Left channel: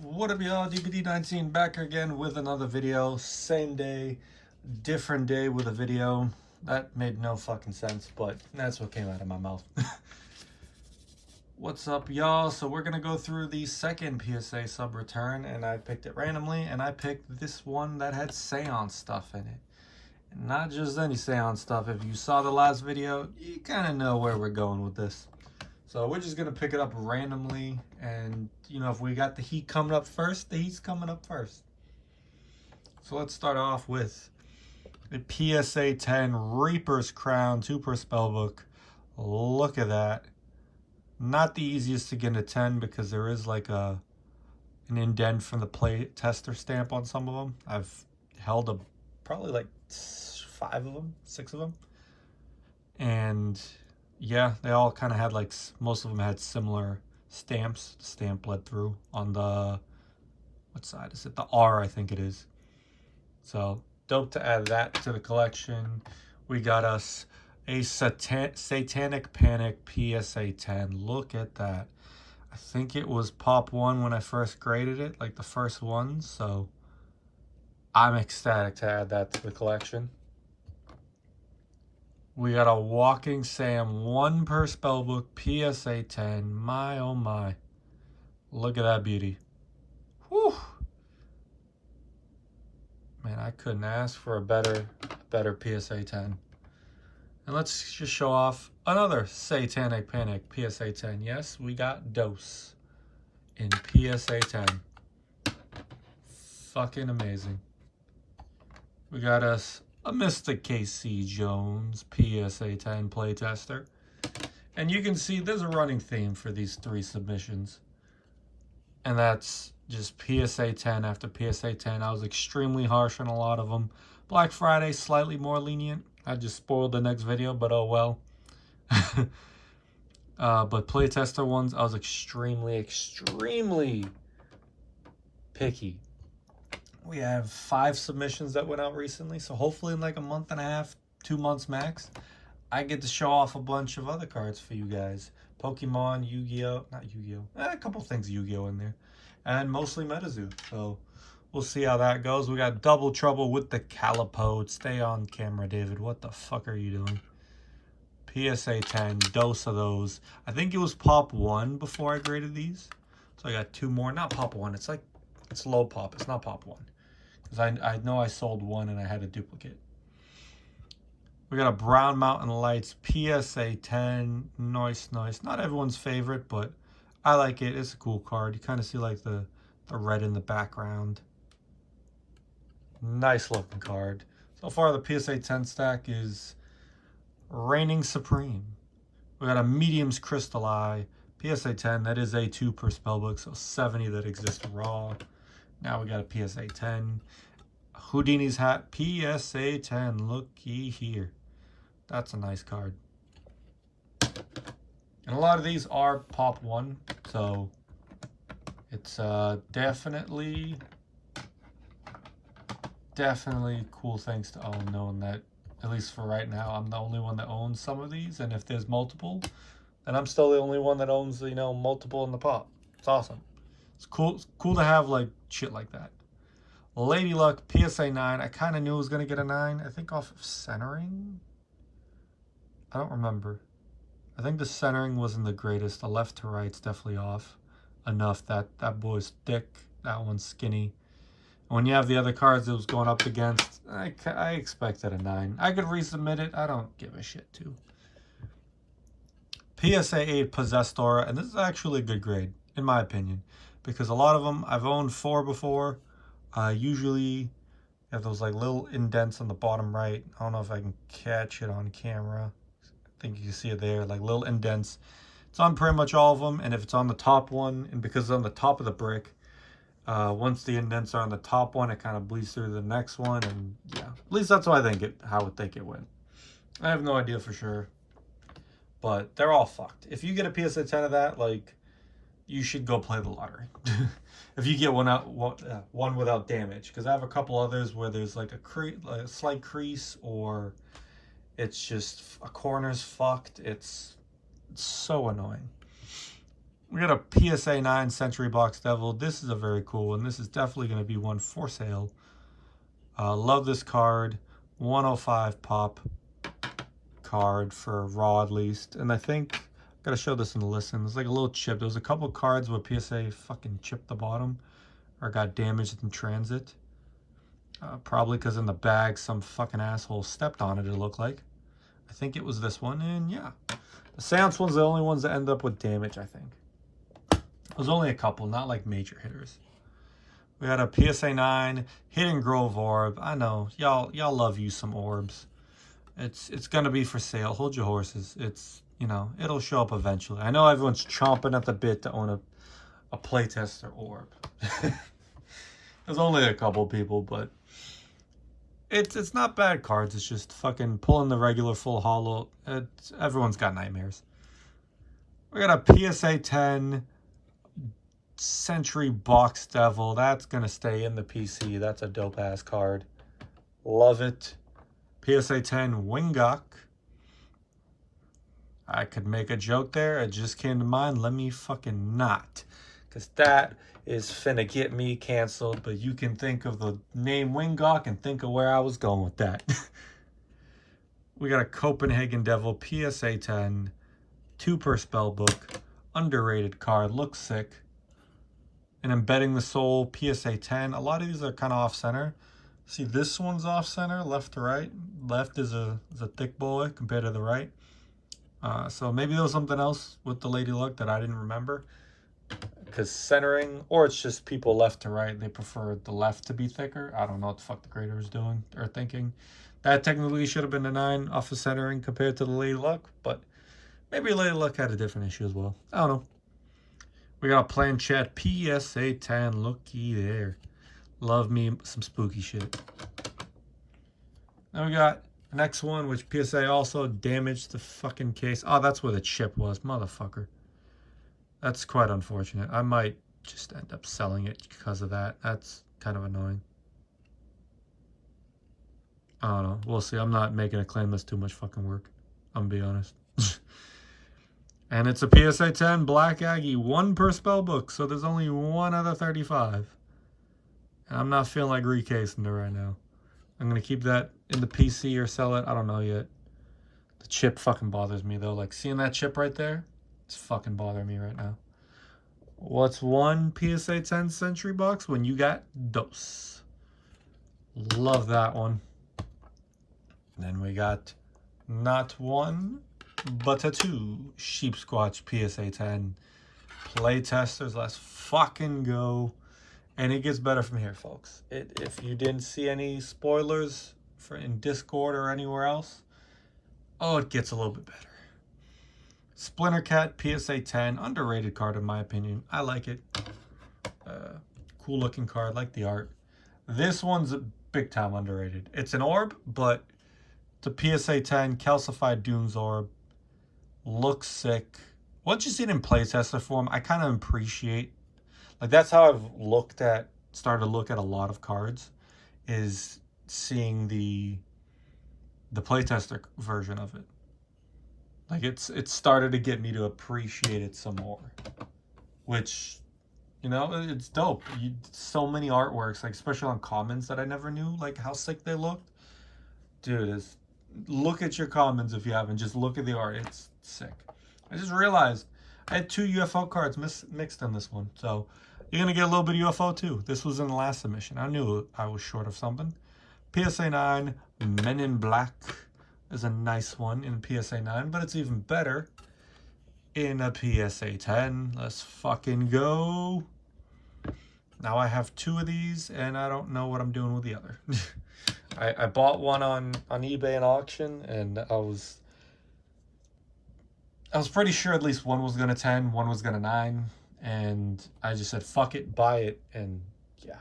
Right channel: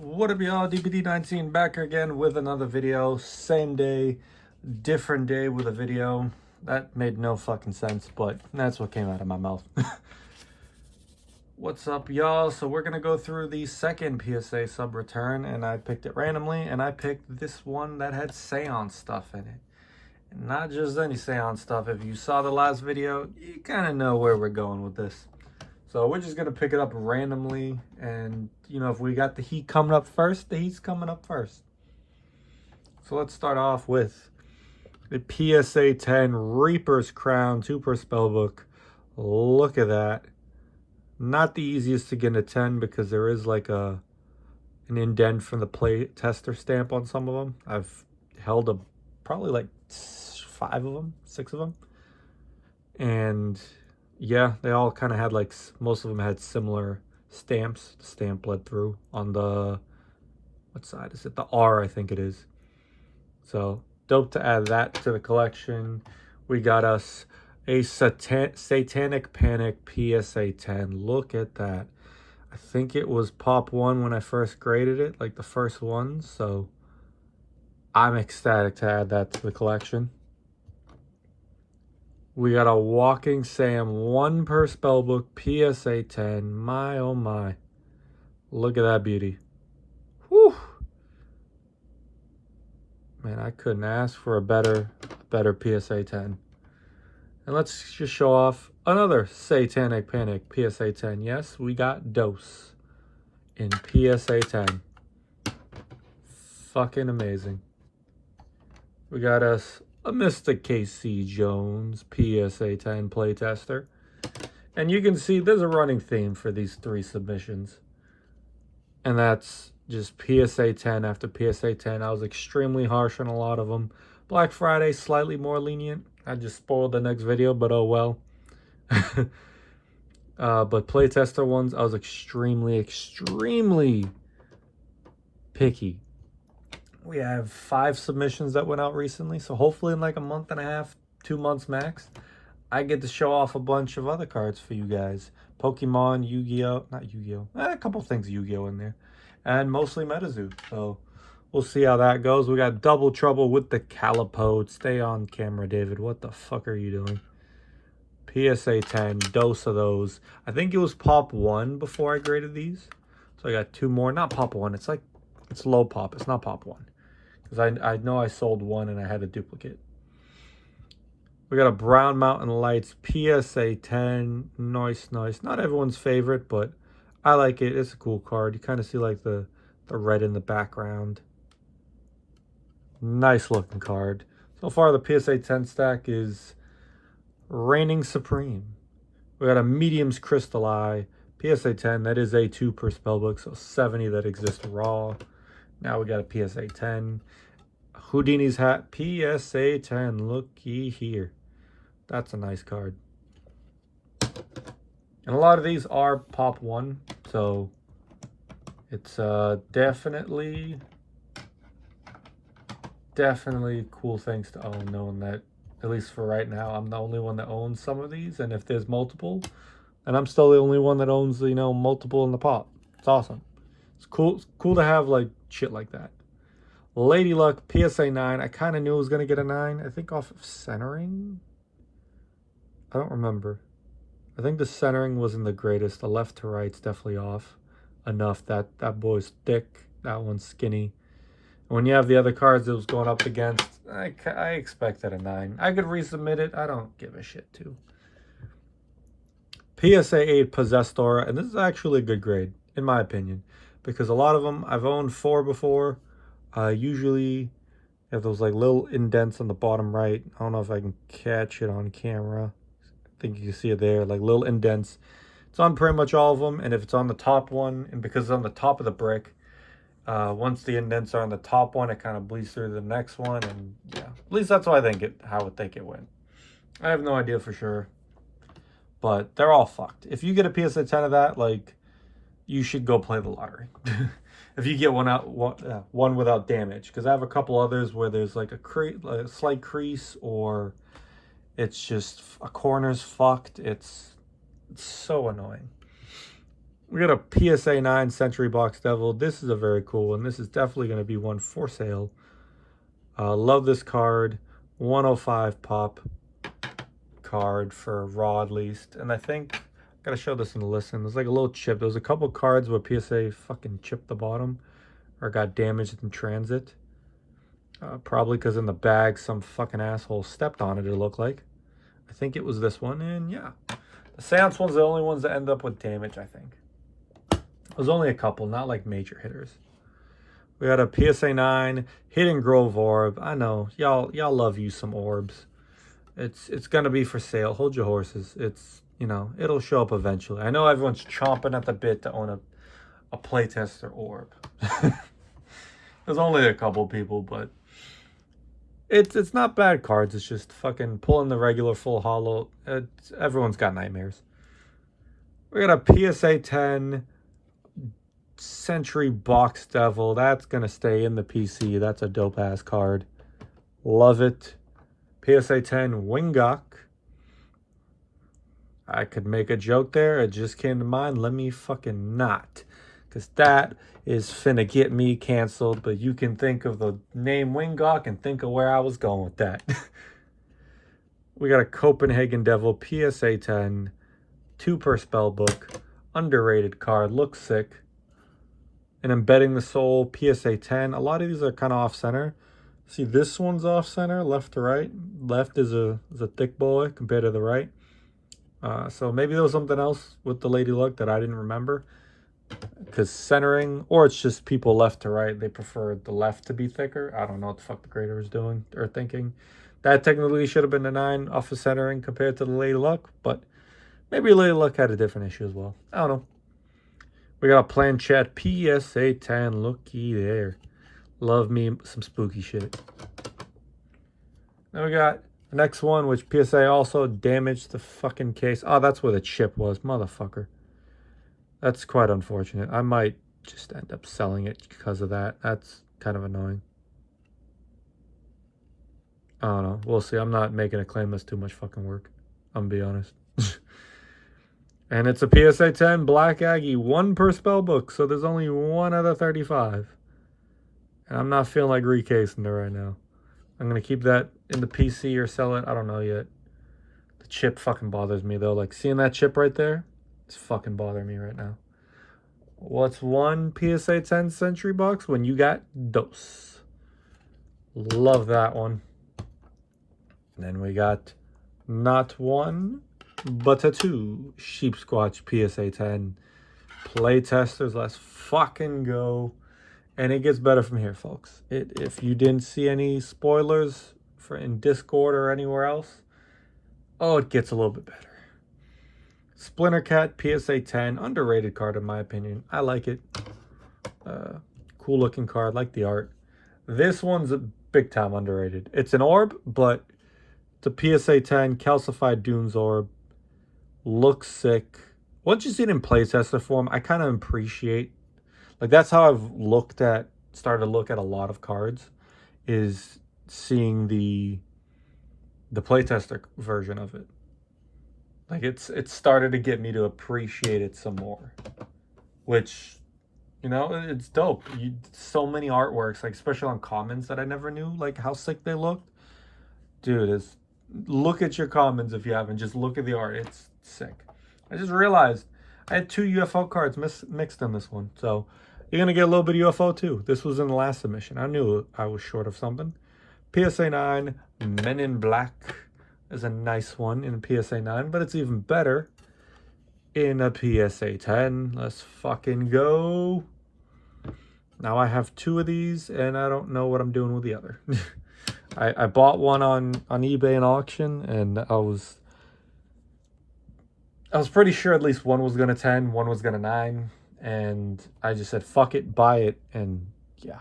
What up, y'all? DPD19 back again with another video. Same day, different day with a video. That made no fucking sense, but that's what came out of my mouth. What's up, y'all? So we're gonna go through the second PSA sub return, and I picked it randomly, and I picked this one that had Seance stuff in it. And not just any Seance stuff. If you saw the last video, you kind of know where we're going with this. So we're just gonna pick it up randomly, and if we got the heat coming up first, the heat's coming up first. So let's start off with the PSA 10 Reaper's Crown 2 per spellbook. Look at that. Not the easiest to get a 10 because there is like an indent from the Playtester stamp on some of them. I've held probably like 5 of them, 6 of them, and yeah, they all kind of had like, most of them had similar stamps. The stamp bled through on the, what side is it? The R, I think it is. So dope to add that to the collection. We got us a Satanic Panic PSA 10. Look at that. I think it was Pop 1 when I first graded it, like the first one. So I'm ecstatic to add that to the collection. We got a Walking Sam 1 per spellbook PSA 10. My oh my. Look at that beauty. Whew. Man, I couldn't ask for a better PSA 10. And let's just show off another Satanic Panic PSA 10. Yes, we got Dose in PSA 10. Fucking amazing. We got us a Mr. KC Jones PSA 10 Playtester. And you can see there's a running theme for these 3 submissions. And that's just PSA 10 after PSA 10. I was extremely harsh on a lot of them. Black Friday, slightly more lenient. I just spoiled the next video, but oh well. But Playtester ones, I was extremely picky. We have 5 submissions that went out recently, so hopefully in like a month and a half, 2 months max, I get to show off a bunch of other cards for you guys. Pokemon, Yu-Gi-Oh, not Yu-Gi-Oh, a couple things Yu-Gi-Oh in there, and mostly Metazoo. So we'll see how that goes. We got Double Trouble with the Calipode. Stay on camera, David. What the fuck are you doing? PSA 10, dose of those. I think it was Pop 1 before I graded these. So I got 2 more. Not Pop 1. It's like, it's low pop. It's not Pop 1. Because I know I sold 1 and I had a duplicate. We got a Brown Mountain Lights PSA 10. Nice. Not everyone's favorite, but I like it. It's a cool card. You kind of see like the red in the background. Nice looking card. So far the PSA 10 stack is reigning supreme. We got a Medium's Crystal Eye PSA 10. That is a 2 per spellbook, so 70 that exist raw. Now we got a PSA 10. Houdini's Hat PSA 10. Looky here. That's a nice card. And a lot of these are Pop 1, so it's definitely cool things to own, knowing that, at least for right now, I'm the only one that owns some of these, and if there's multiple, and I'm still the only one that owns, multiple in the pop. It's awesome. It's cool to have like shit like that. Lady Luck PSA 9. I kind of knew it was going to get a 9. I think off of centering. I don't remember. I think the centering wasn't the greatest. The left to right's definitely off enough. That boy's thick. That one's skinny. And when you have the other cards it was going up against, I expected a 9. I could resubmit it. I don't give a shit too. PSA 8 Possessed Aura. And this is actually a good grade, in my opinion. Because a lot of them, I've owned 4 before. Usually have those like little indents on the bottom right. I don't know if I can catch it on camera. I think you can see it there, like little indents. It's on pretty much all of them, and if it's on the top one, and because it's on the top of the brick, once the indents are on the top one, it kind of bleeds through the next one, and yeah, at least that's how I think it went. I have no idea for sure, but they're all fucked. If you get a PSA 10 of that, like, you should go play the lottery. If you get one without damage, because I have a couple others where there's like a slight crease, or it's just a corner's fucked. It's so annoying. We got a PSA 9 Century Box Devil. This is a very cool one. This is definitely going to be one for sale. Love this card. 105 pop card for raw at least. And I think, gotta show this in the listen. There's like a little chip. There was a couple cards where PSA fucking chipped the bottom or got damaged in transit. Probably because in the bag some fucking asshole stepped on it, it looked like. I think it was this one, and yeah. The Seance ones are the only ones that end up with damage, I think. There's only a couple, not like major hitters. We got a PSA 9 Hidden Grove Orb. I know, y'all love you some orbs. It's gonna be for sale. Hold your horses. It's, you know, it'll show up eventually. I know everyone's chomping at the bit to own a playtester orb. There's only a couple people, but it's not bad cards. It's just fucking pulling the regular full holo. Everyone's got nightmares. We got a PSA 10 Century Box Devil. That's gonna stay in the PC. That's a dope ass card. Love it. PSA 10 Wingok. I could make a joke there. It just came to mind. Let me fucking not. Because that is finna get me canceled. But you can think of the name Wingok and think of where I was going with that. We got a Copenhagen Devil PSA 10. 2 per spell book. Underrated card. Looks sick. And Embedding the Soul PSA 10. A lot of these are kind of off-center. See, this one's off-center, left to right. Left is a thick boy compared to the right. So maybe there was something else with the Lady Luck that I didn't remember. Because centering, or it's just people left to right, they prefer the left to be thicker. I don't know what the fuck the grader is doing or thinking. That technically should have been a 9 off of centering compared to the Lady Luck. But maybe Lady Luck had a different issue as well. I don't know. We got a Planchette PSA 10. Looky there. Love me some spooky shit. Then we got the next one, which PSA also damaged the fucking case. Oh, that's where the chip was, motherfucker. That's quite unfortunate. I might just end up selling it because of that. That's kind of annoying. I don't know. We'll see. I'm not making a claim that's too much fucking work. I'm gonna be honest. And it's a PSA 10 Black Aggie. 1 per spell book, so there's only 1 out of 35. And I'm not feeling like recasing it right now. I'm going to keep that in the PC or sell it. I don't know yet. The chip fucking bothers me, though. Like, seeing that chip right there, it's fucking bothering me right now. What's 1 PSA 10 Century Box when you got Dose? Love that one. And then we got not 1, but a 2 Sheep Squatch PSA 10 Playtesters. Let's fucking go. And it gets better from here, folks. If you didn't see any spoilers in Discord or anywhere else, oh, it gets a little bit better. Splinter Cat PSA 10, underrated card in my opinion. I like it. Cool looking card, like the art. This one's a big time underrated. It's an orb, but the PSA 10 Calcified Dunes orb looks sick. Once you see it in playtester form, I kind of appreciate. Like, that's how I've started to look at a lot of cards, is seeing the playtester version of it. Like, it's started to get me to appreciate it some more, which, you know, it's dope. So many artworks, like, especially on commons that I never knew, like, how sick they looked. Dude, look at your commons if you haven't. Just look at the art. It's sick. I just realized I had 2 UFO cards mixed in this one, so you're going to get a little bit of UFO too. This was in the last submission. I knew I was short of something. PSA 9 Men in Black is a nice one in a PSA 9, but it's even better in a PSA 10. Let's fucking go. Now I have 2 of these, and I don't know what I'm doing with the other. I bought one on eBay and auction, and I was pretty sure at least one was going to 10, one was going to 9. And I just said, fuck it, buy it, and yeah.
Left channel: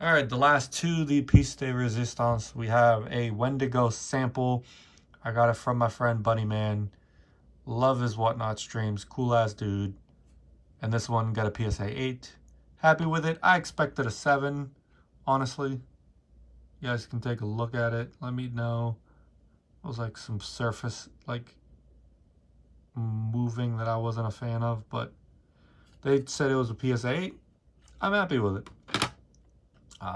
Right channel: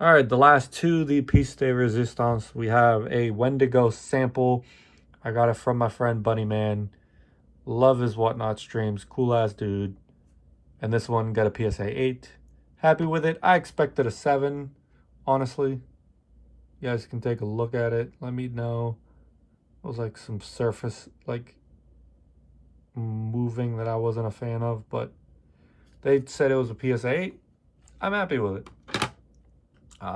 All right, the last 2, the Piece de Resistance. We have a Wendigo sample. I got it from my friend Bunny Man. Love his Whatnot streams. Cool-ass dude. And this one got a PSA 8. Happy with it. I expected a 7, honestly. You guys can take a look at it. Let me know. It was like some surface, like, moving that I wasn't a fan of, but they said it was a PSA 8. I'm happy with it.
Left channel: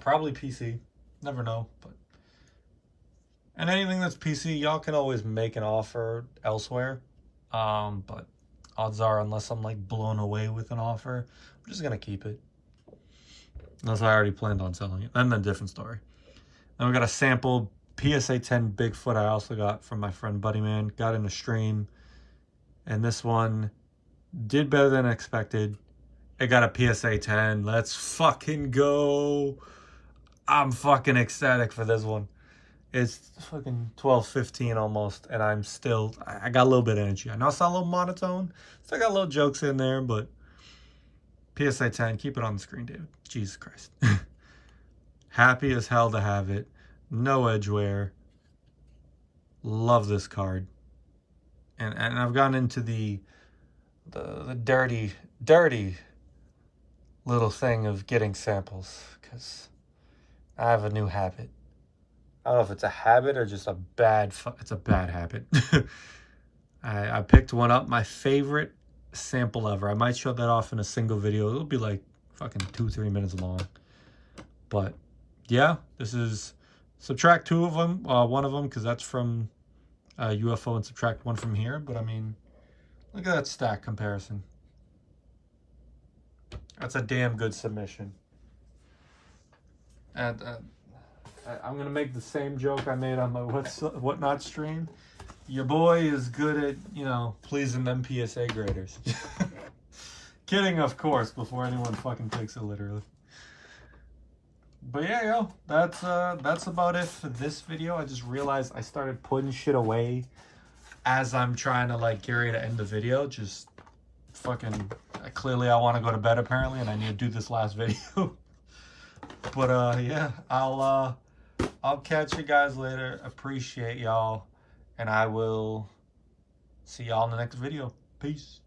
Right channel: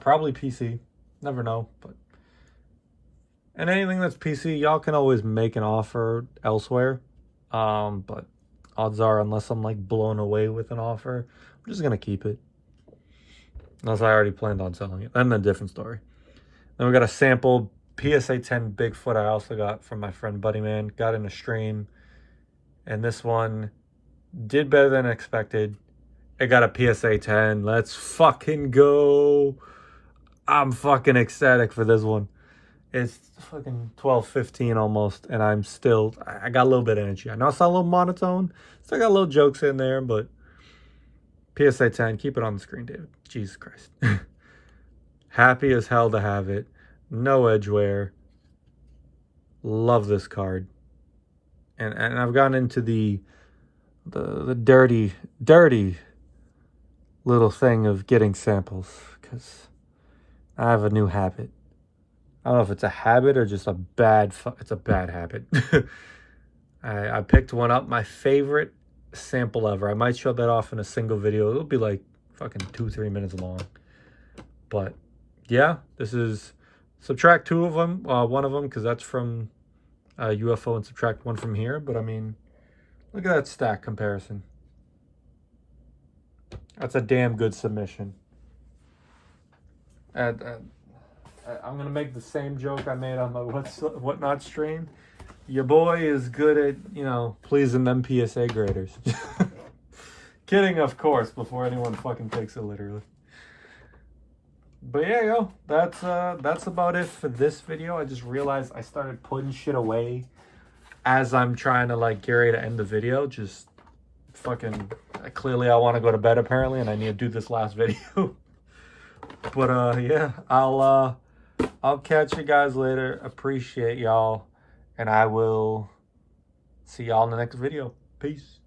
Probably PC. Never know, but and anything that's PC, y'all can always make an offer elsewhere. But odds are, unless I'm like blown away with an offer, I'm just gonna keep it. Unless I already planned on selling it. Then a different story. Then we got a sample PSA 10 Bigfoot I also got from my friend Buddy Man. Got in a stream. And this one did better than expected. It got a PSA 10. Let's fucking go. I'm fucking ecstatic for this one. It's fucking 12:15 almost, and I got a little bit of energy. I know it's not a little monotone. Still got little jokes in there, but PSA 10, keep it on the screen, David. Jesus Christ. Happy as hell to have it. No edge wear. Love this card. And I've gotten into the dirty little thing of getting samples, because I have a new habit. I don't know if it's a habit or just it's a bad habit. I picked one up, my favorite sample ever. I might show that off in a single video. It'll be like fucking 2-3 minutes long. But yeah, this is subtract 2 of them, 1 of them, because that's from UFO, and subtract 1 from here. But I mean, look at that stack comparison. That's a damn good submission. And I'm gonna make the same joke I made on my whatnot stream. Your boy is good at, you know, pleasing them PSA graders. Kidding, of course, before anyone fucking takes it literally. But yeah, yo, that's about it for this video. I just realized I started putting shit away as I'm trying to like get ready to end the video. Just fucking clearly I want to go to bed apparently, and I need to do this last video. But yeah, I'll catch you guys later. Appreciate y'all, and I will see y'all in the next video. Peace.